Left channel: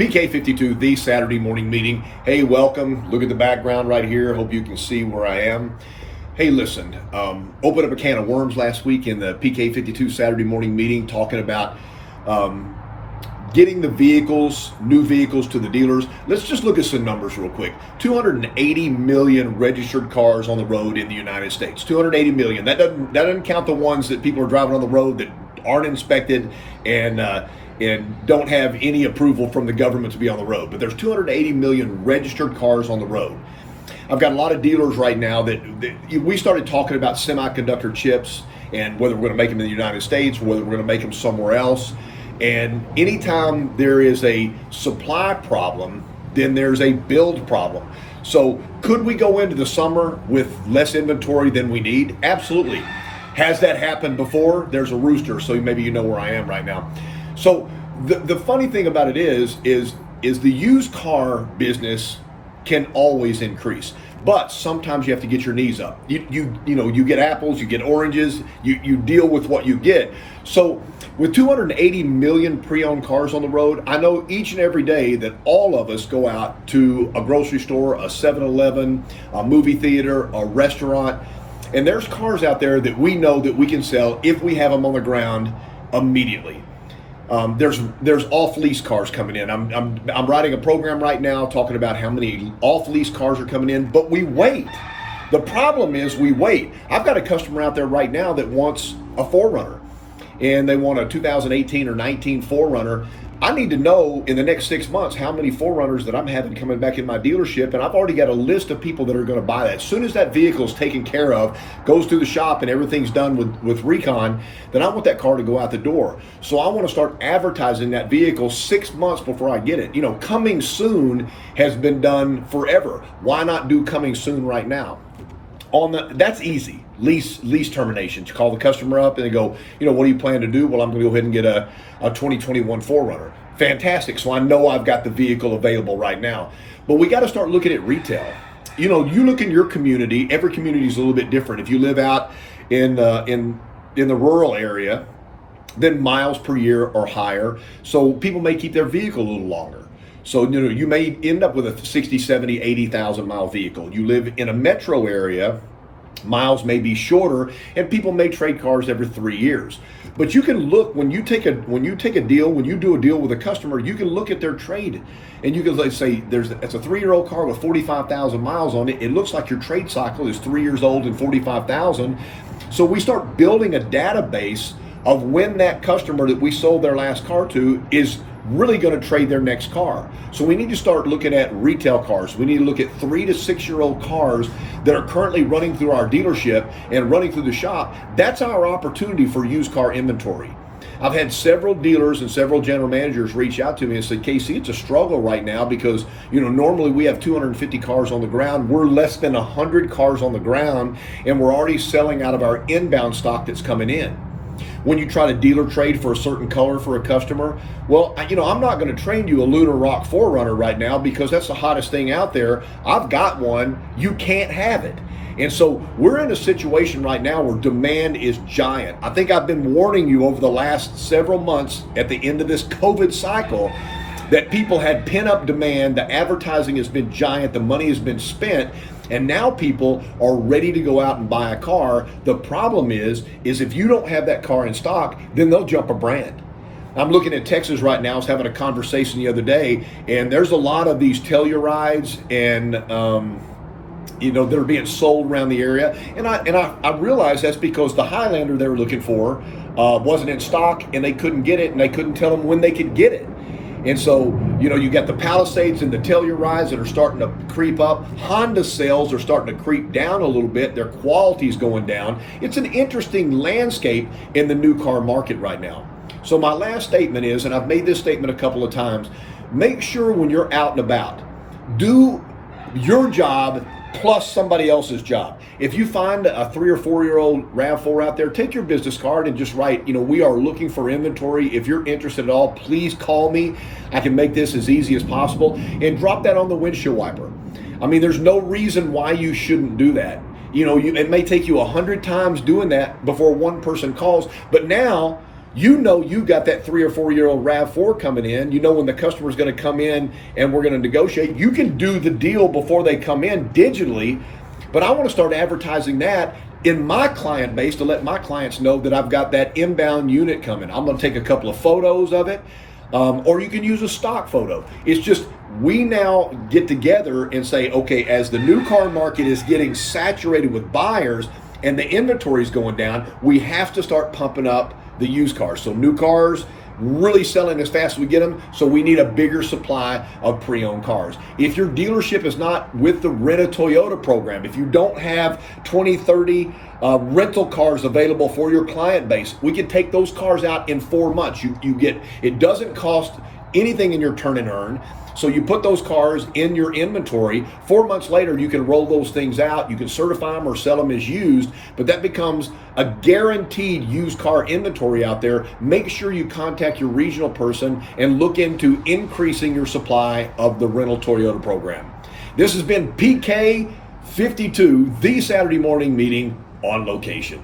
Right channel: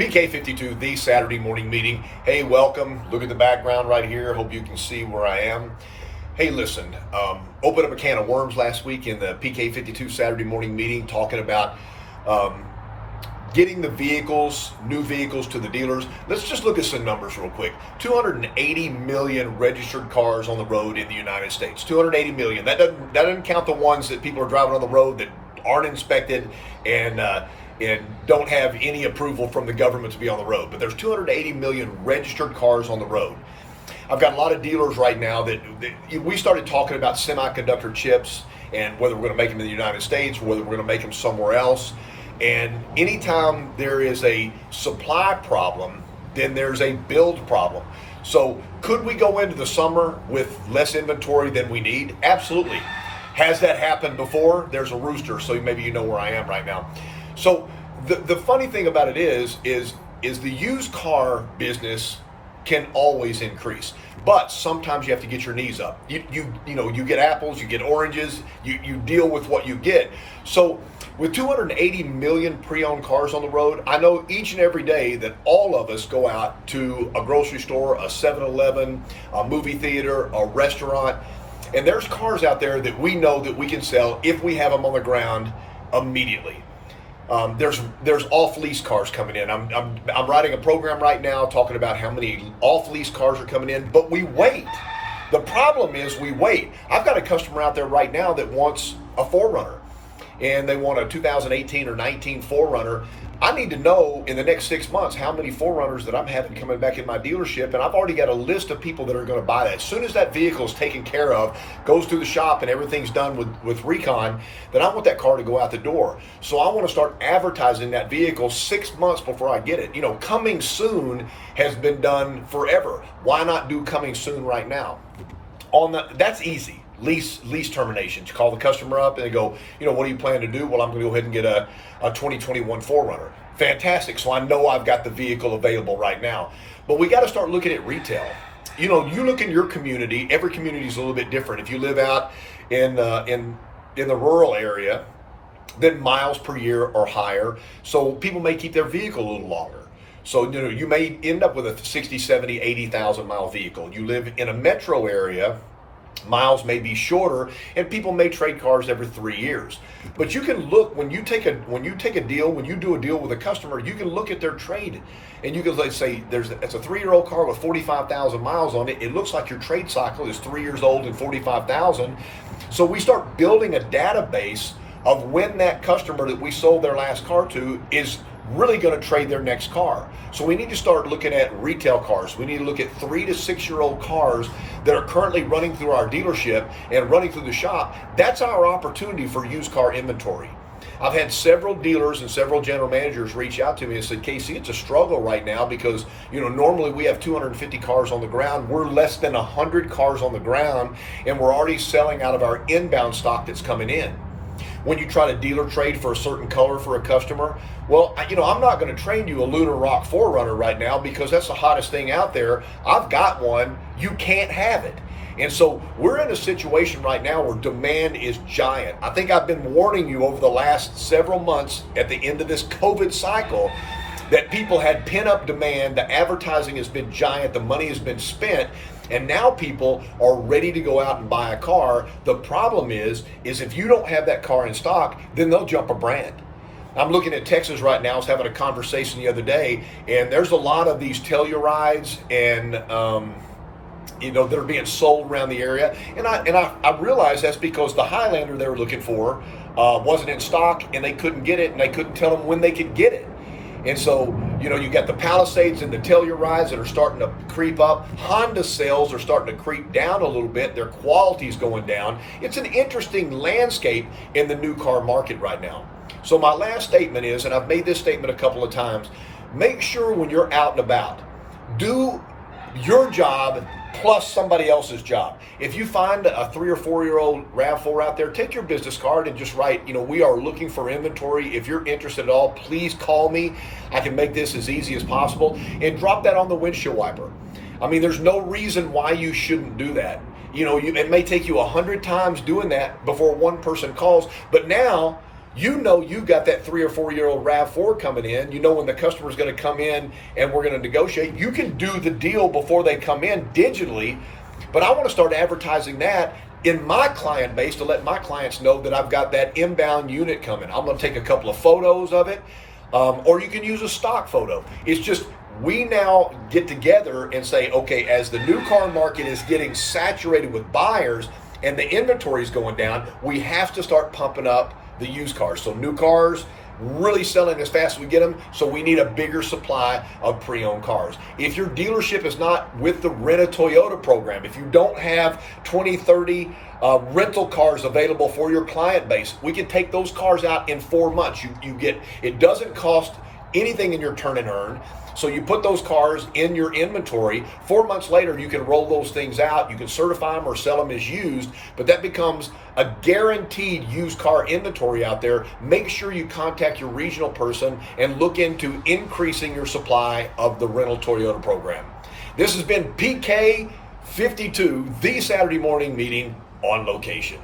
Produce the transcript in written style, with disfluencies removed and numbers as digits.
PK52, the Saturday morning meeting. Hey, welcome. Look at the background right here. Hope you can see where I am. Hey, listen, opened up a can of worms last week in the PK52 Saturday morning meeting talking about getting the vehicles, new vehicles to the dealers. Let's just look at some numbers real quick. 280 million registered cars on the road in the United States. 280 million. That doesn't count the ones that people are driving on the road that aren't inspected and don't have any approval from the government to be on the road. But there's 280 million registered cars on the road. I've got a lot of dealers right now that we started talking about semiconductor chips and whether we're going to make them in the United States or whether we're going to make them somewhere else. And anytime there is a supply problem, then there's a build problem. So could we go into the summer with less inventory than we need? Absolutely. Has that happened before? There's a rooster, so maybe you know where I am right now. So the funny thing about it is the used car business can always increase, but sometimes you have to get your knees up. You get apples, you get oranges, you deal with what you get. So with 280 million pre-owned cars on the road, I know each and every day that all of us go out to a grocery store, a 7-Eleven, a movie theater, a restaurant, and there's cars out there that we know that we can sell if we have them on the ground immediately. There's off-lease cars coming in. I'm writing a program right now talking about how many off-lease cars are coming in, but we wait. The problem is we wait. I've got a customer out there right now that wants a 4Runner, and they want a 2018 or 19 4Runner. I need to know in the next 6 months how many 4Runners that I'm having coming back in my dealership, and I've already got a list of people that are going to buy that. As soon as that vehicle is taken care of, goes through the shop, and everything's done with recon, then I want that car to go out the door. So I want to start advertising that vehicle 6 months before I get it. Coming soon has been done forever. Why not do coming soon right now? That's easy. Lease terminations. You call the customer up and they go, what do you plan to do? Well, I'm going to go ahead and get a 2021 4Runner. Fantastic. So I know I've got the vehicle available right now. But we got to start looking at retail. You look in your community. Every community is a little bit different. If you live out in the rural area, then miles per year are higher. So people may keep their vehicle a little longer. So, you may end up with a 60, 70, 80,000 mile vehicle. You live in a metro area, miles may be shorter, and people may trade cars every 3 years. But you can look, when you do a deal with a customer, you can look at their trade. And you can say, it's a 3-year-old car with 45,000 miles on it. It looks like your trade cycle is 3 years old and 45,000. So we start building a database of when that customer that we sold their last car to is really going to trade their next car. So we need to start looking at retail cars. We need to look at 3 to 6 year old cars that are currently running through our dealership and running through the shop. That's our opportunity for used car inventory. I've had several dealers and several general managers reach out to me and said, Casey, it's a struggle right now because, normally we have 250 cars on the ground. We're less than 100 cars on the ground, and we're already selling out of our inbound stock that's coming in. When you try to dealer trade for a certain color for a customer, well, I'm not going to trade you a Lunar Rock 4Runner right now because that's the hottest thing out there. I've got one. You can't have it. And so we're in a situation right now where demand is giant. I think I've been warning you over the last several months at the end of this COVID cycle that people had pent-up demand. The advertising has been giant. The money has been spent. And now people are ready to go out and buy a car. The problem is if you don't have that car in stock, then they'll jump a brand. I'm looking at Texas right now. I was having a conversation the other day, and there's a lot of these Tellurides and that are being sold around the area. And I realized that's because the Highlander they were looking for wasn't in stock, and they couldn't get it, and they couldn't tell them when they could get it. And so, you got the Palisades and the Tellurides that are starting to creep up. Honda sales are starting to creep down a little bit. Their quality is going down. It's an interesting landscape in the new car market right now. So my last statement is, and I've made this statement a couple of times, make sure when you're out and about, do your job plus somebody else's job. If you find a 3 or 4 year old RAV4 out there, take your business card and just write, we are looking for inventory. If you're interested at all, please call me. I can make this as easy as possible, and drop that on the windshield wiper. There's no reason why you shouldn't do that. It may take you 100 times doing that before one person calls, but now You know you got that 3 or 4 year old RAV4 coming in. You know when the customer's going to come in and we're going to negotiate. You can do the deal before they come in digitally, but I want to start advertising that in my client base to let my clients know that I've got that inbound unit coming. I'm going to take a couple of photos of it, or you can use a stock photo. It's just we now get together and say, okay, as the new car market is getting saturated with buyers and the inventory is going down, we have to start pumping up the used cars. So new cars really selling as fast as we get them, so we need a bigger supply of pre-owned cars. If your dealership is not with the Rent a Toyota program, if you don't have 20, 30 rental cars available for your client base, we can take those cars out in 4 months. You get, it doesn't cost anything in your turn and earn. So you put those cars in your inventory. 4 months later, you can roll those things out. You can certify them or sell them as used, but that becomes a guaranteed used car inventory out there. Make sure you contact your regional person and look into increasing your supply of the Rental Toyota program. This has been PK52, the Saturday morning meeting on location.